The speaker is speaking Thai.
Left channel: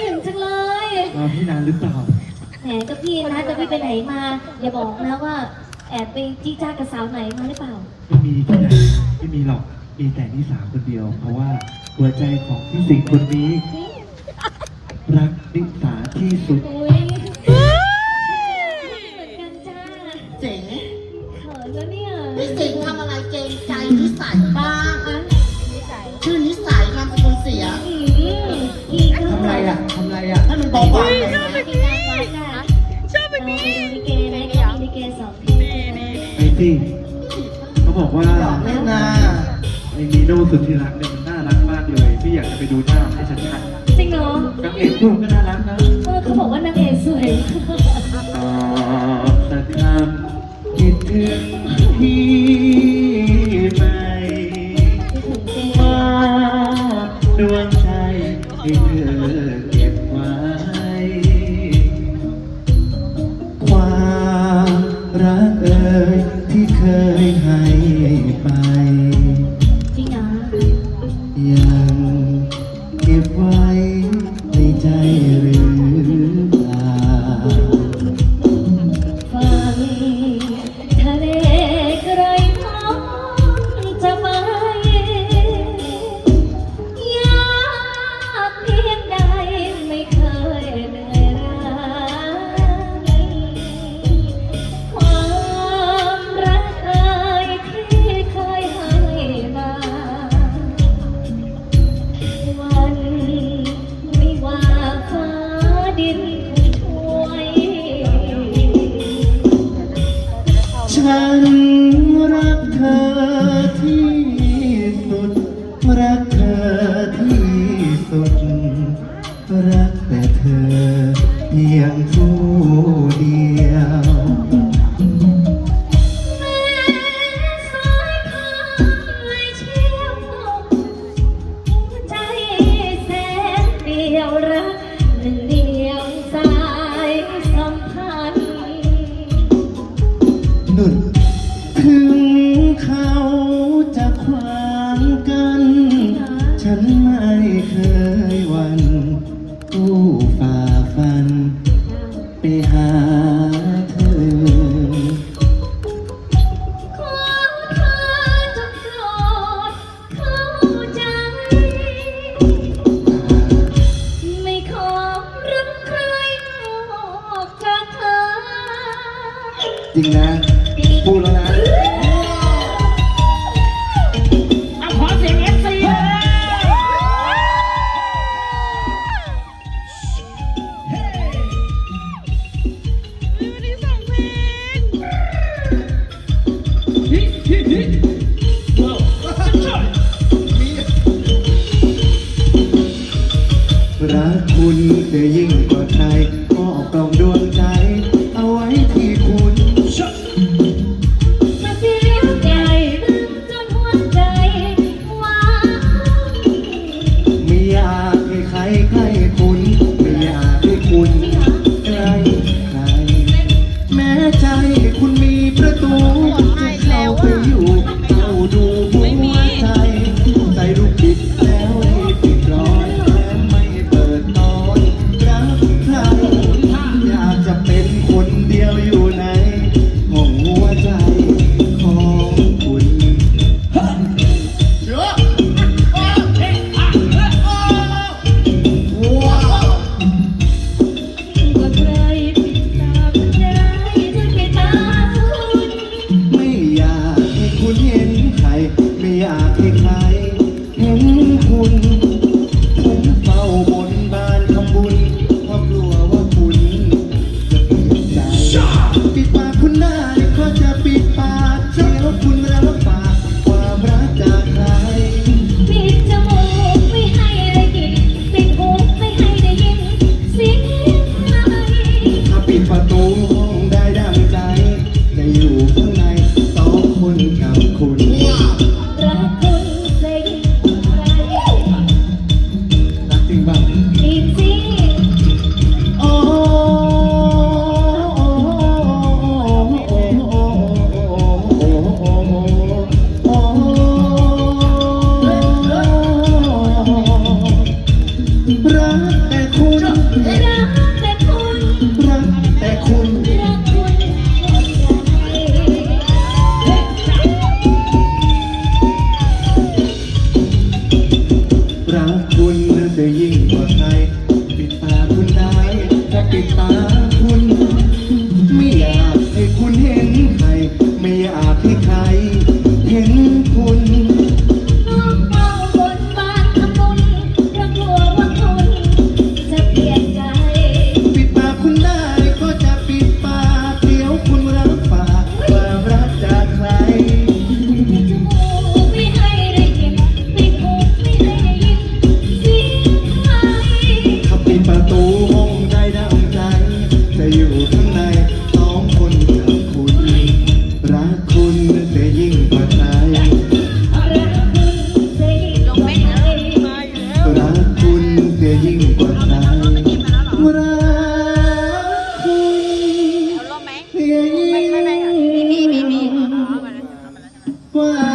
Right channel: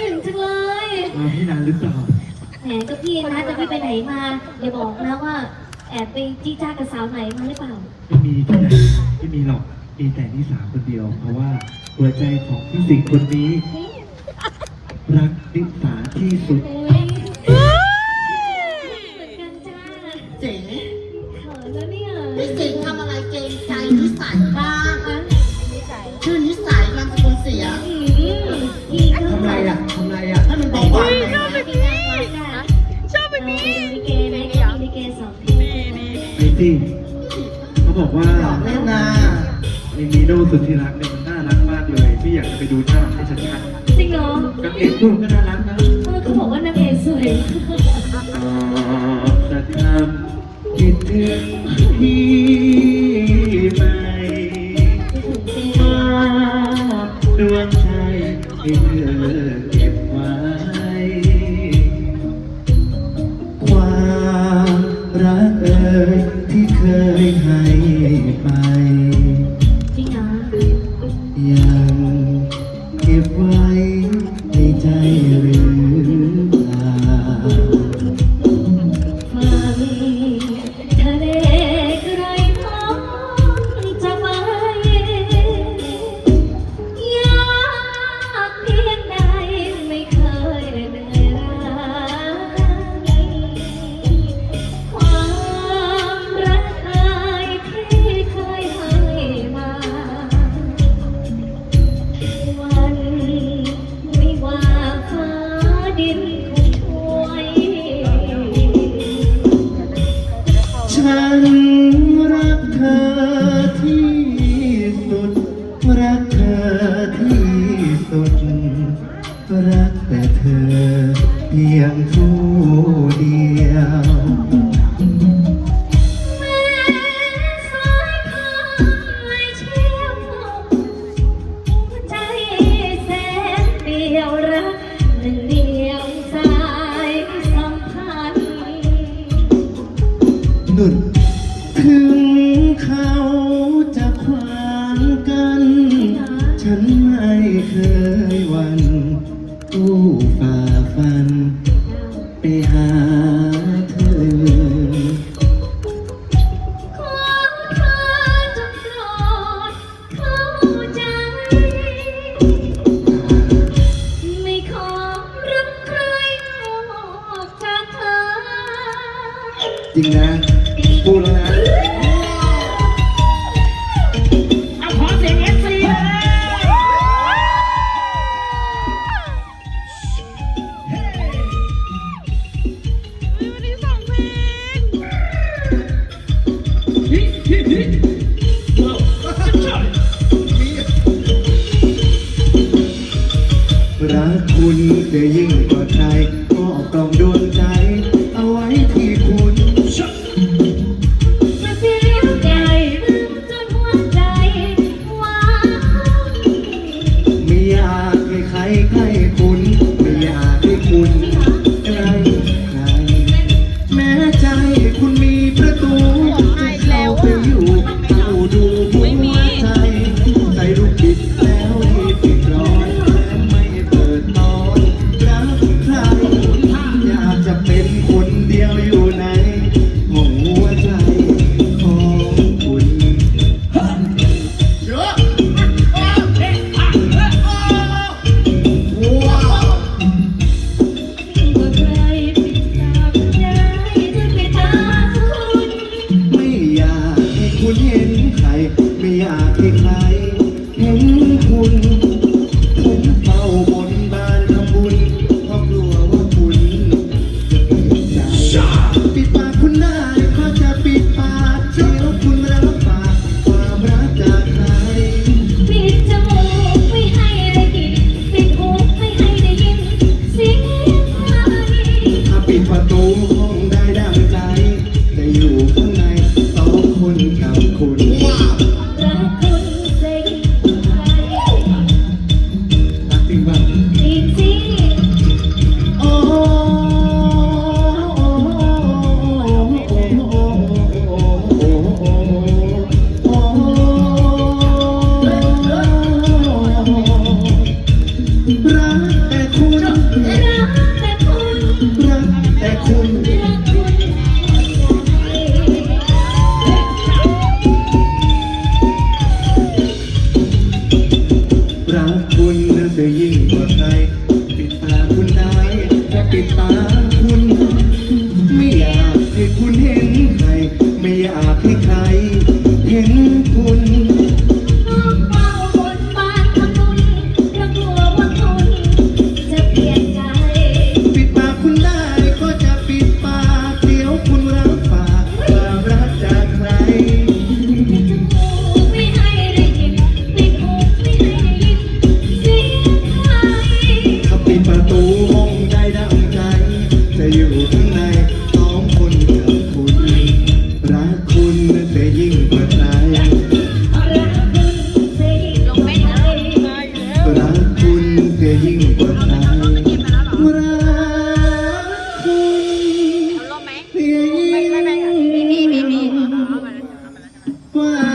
ถึงจังเลยมาที่นานหรือเปล่าแหมก็พี่นะจะพี่ไปไหนมาอย่าบอกนะว่าแอบไปจี้จ้ากับสาวไหนมาหรือเปล่าไม่มีที่ไหนไม่มีหรอกมีแต่นิสาคนเดียว เพราะว่าหัวใจของพี่สิงห์คนนี้ รักนิสาที่สุดโอ้ยเหมือนกันจ้าเจ๋งเขินแล้วเนี่ยไม่เจ๋งทำอะไรเกรงใจนิสัยบ้างอะชื่อนิสัยนามสกุลเสีย กว่าชอบแบบนี้ชอบแบบนี้ลิเกไหนก็มีลิเกสองเพลงไอ้ที่เขาบอกว่าเล่นาไอ้นีโน่สุดที่รักเนี่ยมันน่ารักมากเลยไม่อยากจะไปดูหน้าให้ชัดจริงเหรอนางเอกคู่ก็น่ารักนะเออเขาบอกว่านางเอกสวยตอบสักคำคิดถึงพี่ไหมว่ดวงใจที่เธอ ที่เคยให้ไฉันรักเธอที่สุด รักเธอที่สุดรัก ถึงเขาจะขวางกัน ฉันไม่เคยหวันตู้ฝ่าฟัน ไปหาเธอขอเธอจงโปรดเข้าใจ ไม่ขอรักใครนอกจากเธอ จริงนะ ยิ่งกว่า